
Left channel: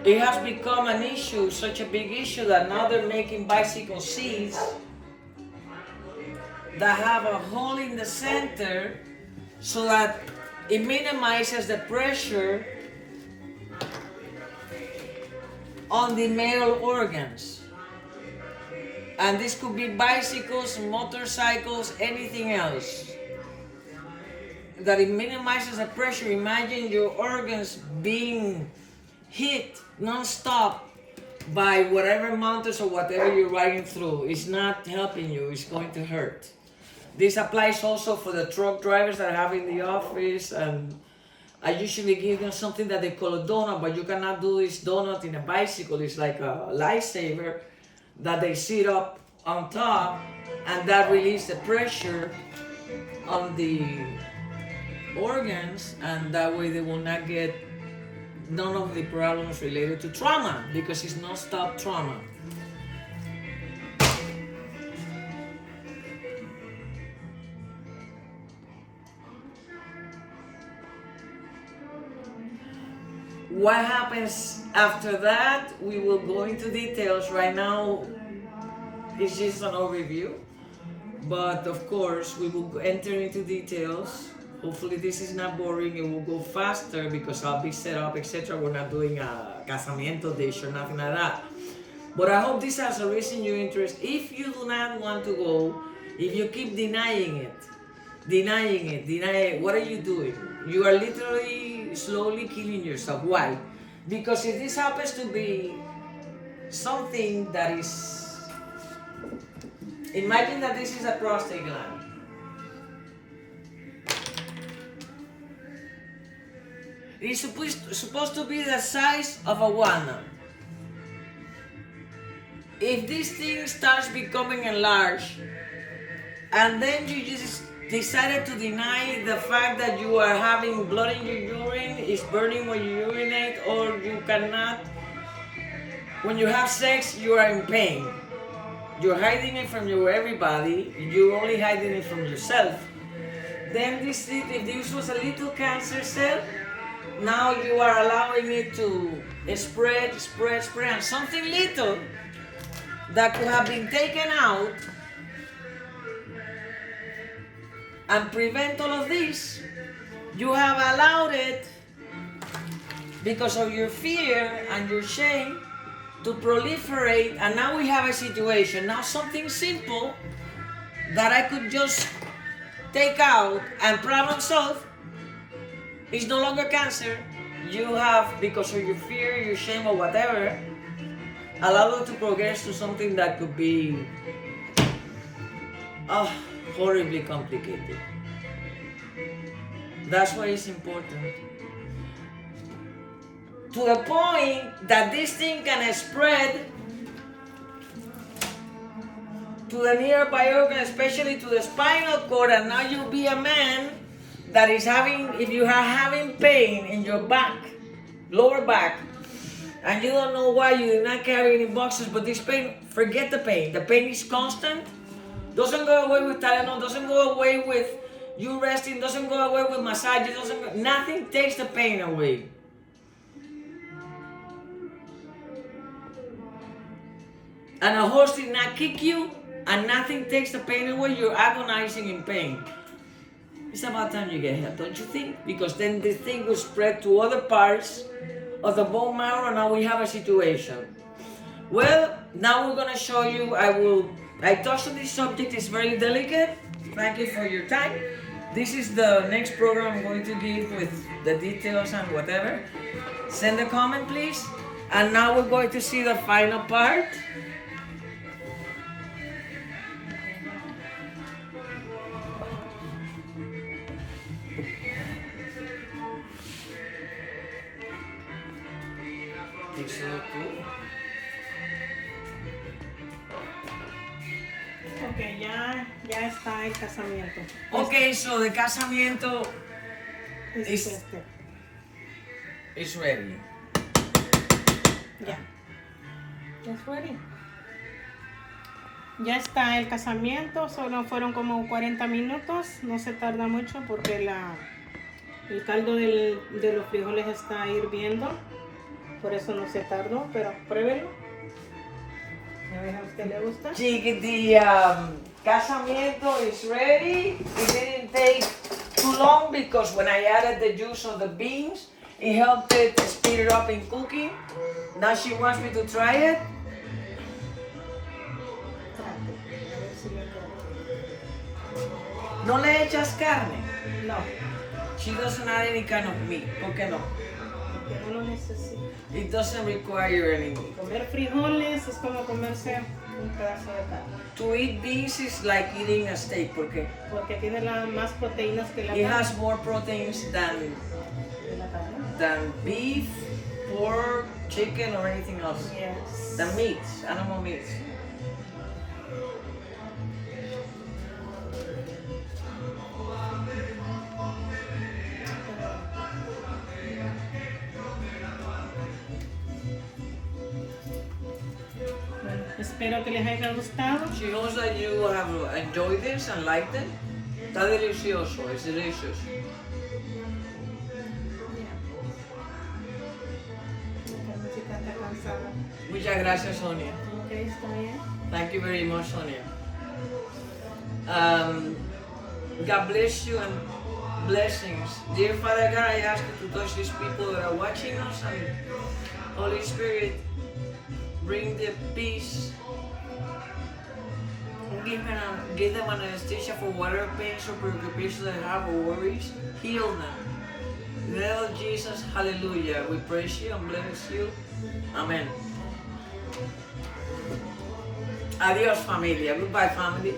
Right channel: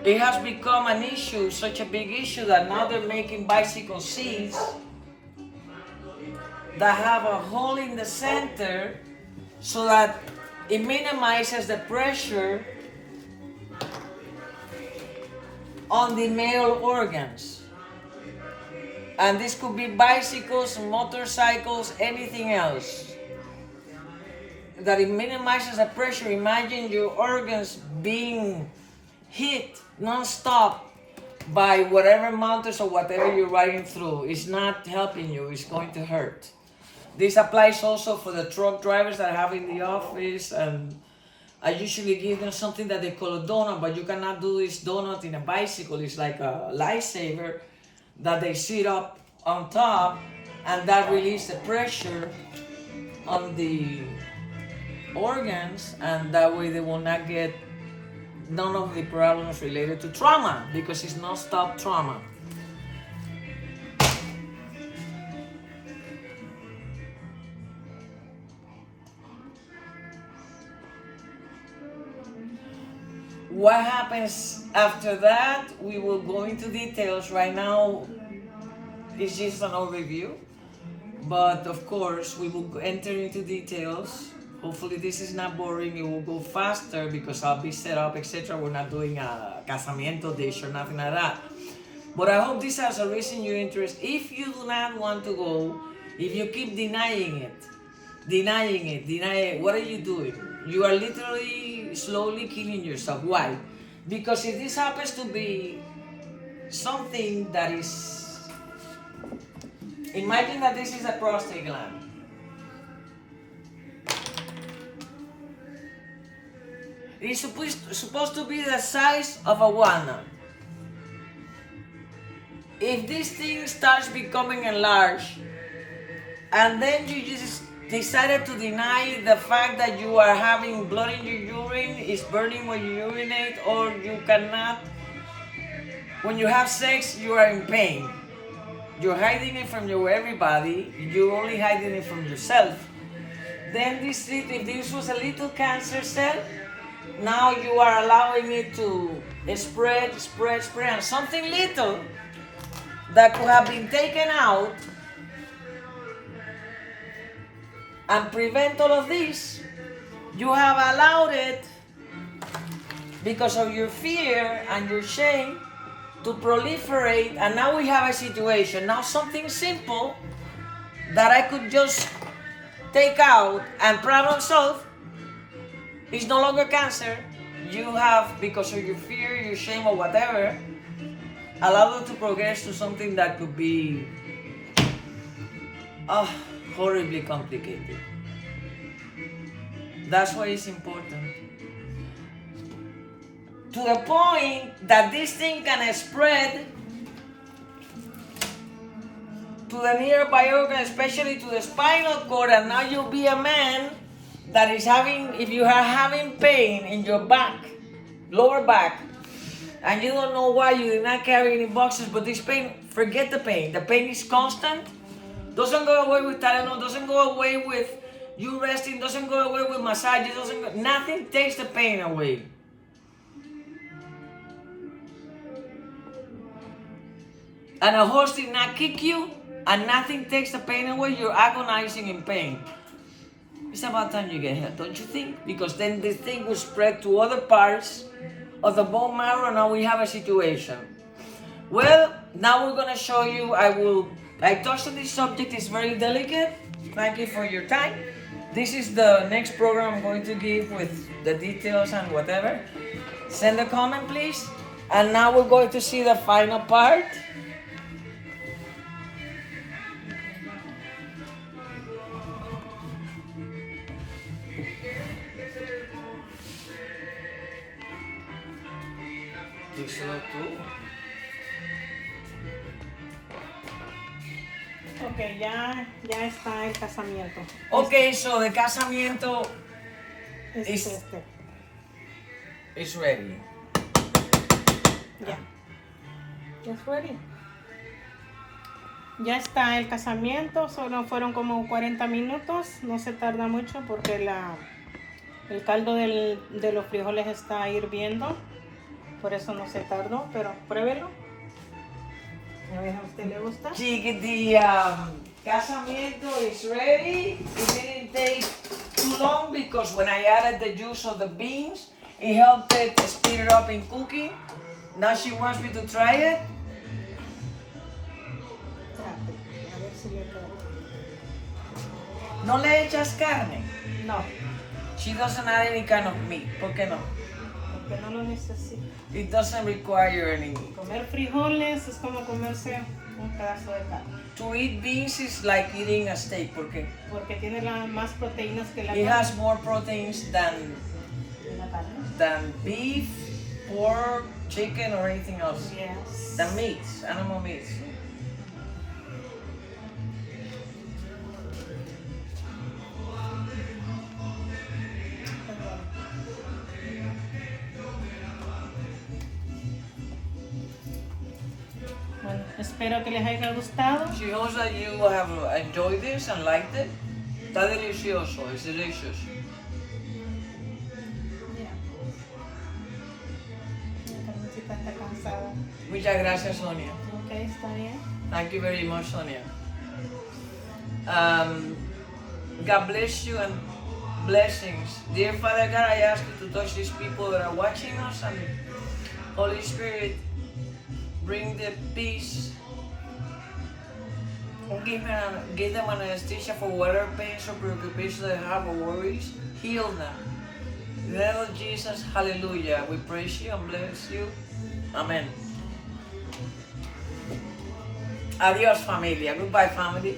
It has become an issue, such a big issue, that now they're making bicycle seats that have a hole in the center so that it minimizes the pressure on the male organs. And this could be bicycles, motorcycles, anything else. That it minimizes the pressure. Imagine your organs being hit non-stop by whatever mountains or whatever you're riding through. It's not helping you, it's going to hurt. This applies also for the truck drivers that I have in the office, and I usually give them something that they call a donut, but you cannot do this donut in a bicycle. It's like a lifesaver that they sit up on top, and that releases the pressure on the organs, and that way they will not get none of the problems related to trauma, because it's non-stop trauma. What happens after that, we will go into details. Right now, it's just an overview. But of course, we will enter into details. Hopefully this is not boring. It will go faster because I'll be set up, etc. We're not doing a casamiento dish or nothing like that. But I hope this has a reason your interest. If you do not want to go, if you keep denying it, what are you doing? You are literally slowly killing yourself. Why? Because if this happens to be something that is, imagine that this is a prostate gland. It's supposed to be the size of a walnut. If this thing starts becoming enlarged, and then you just decided to deny the fact that you are having blood in your urine, is burning when you urinate, or you cannot, when you have sex, you are in pain. You're hiding it from everybody, you're only hiding it from yourself. Then if this was a little cancer cell, now you are allowing it to spread, and something little that could have been taken out and prevent all of this, you have allowed it because of your fear and your shame to proliferate, and now we have a situation, now something simple that I could just take out and problem solve is no longer cancer. You have, because of your fear, your shame, or whatever, allowed it to progress to something that could be horribly complicated. That's why it's important. To the point that this thing can spread to the nearby organ, especially to the spinal cord, and now you'll be a man that is having, if you are having pain in your back, lower back, and you don't know why, you did not carry any boxes, but this pain, forget the pain. The pain is constant. Doesn't go away with Tylenol, doesn't go away with you resting, doesn't go away with massage, nothing takes the pain away. And a horse did not kick you, and nothing takes the pain away, you're agonizing in pain. It's about time you get help, don't you think? Because then this thing will spread to other parts of the bone marrow, and now we have a situation. Well, now we're going to show you, I touched on this subject, it's very delicate. Thank you for your time. This is the next program I'm going to give with the details and whatever. Send a comment, please. And now we're going to see the final part. Ok, ya está el casamiento. Okay, so the casamiento is ready. Ya. It's ready. Ya está el casamiento, solo fueron como 40 minutos, no se tarda mucho porque el caldo de los frijoles está hirviendo, por eso no se tardó, pero pruébelo. A ver, ¿a usted le gusta? The casamiento is ready. It didn't take too long because when I added the juice of the beans, it helped it speed it up in cooking. Now she wants me to try it. ¿No le echas carne? No. She doesn't add any kind of meat. ¿Por qué no? Porque no lo necesita. It doesn't require any meat. Comer frijoles es como comerse un pedazo de carne. To eat beans is like eating a steak. ¿Por qué? Porque tiene más proteínas que la It carne. has more proteins than beef, pork, chicken, or anything else. Yes. Than meats, animal meats. Bueno, espero que les haya gustado. She hopes that you have enjoyed this and liked it. Está delicioso, it's delicious. ahorita está cansada. Muchas gracias, Sonia. Ok, está bien. Thank you very much, Sonia. God bless you and blessings. Dear Father God, I ask you to touch these people that are watching us, and Holy Spirit, bring the peace. Give them anesthesia for whatever pains or preoccupations they have or worries. Heal them. In the name of Jesus, hallelujah. We praise you and bless you. Amen. Adios, familia. Goodbye, family.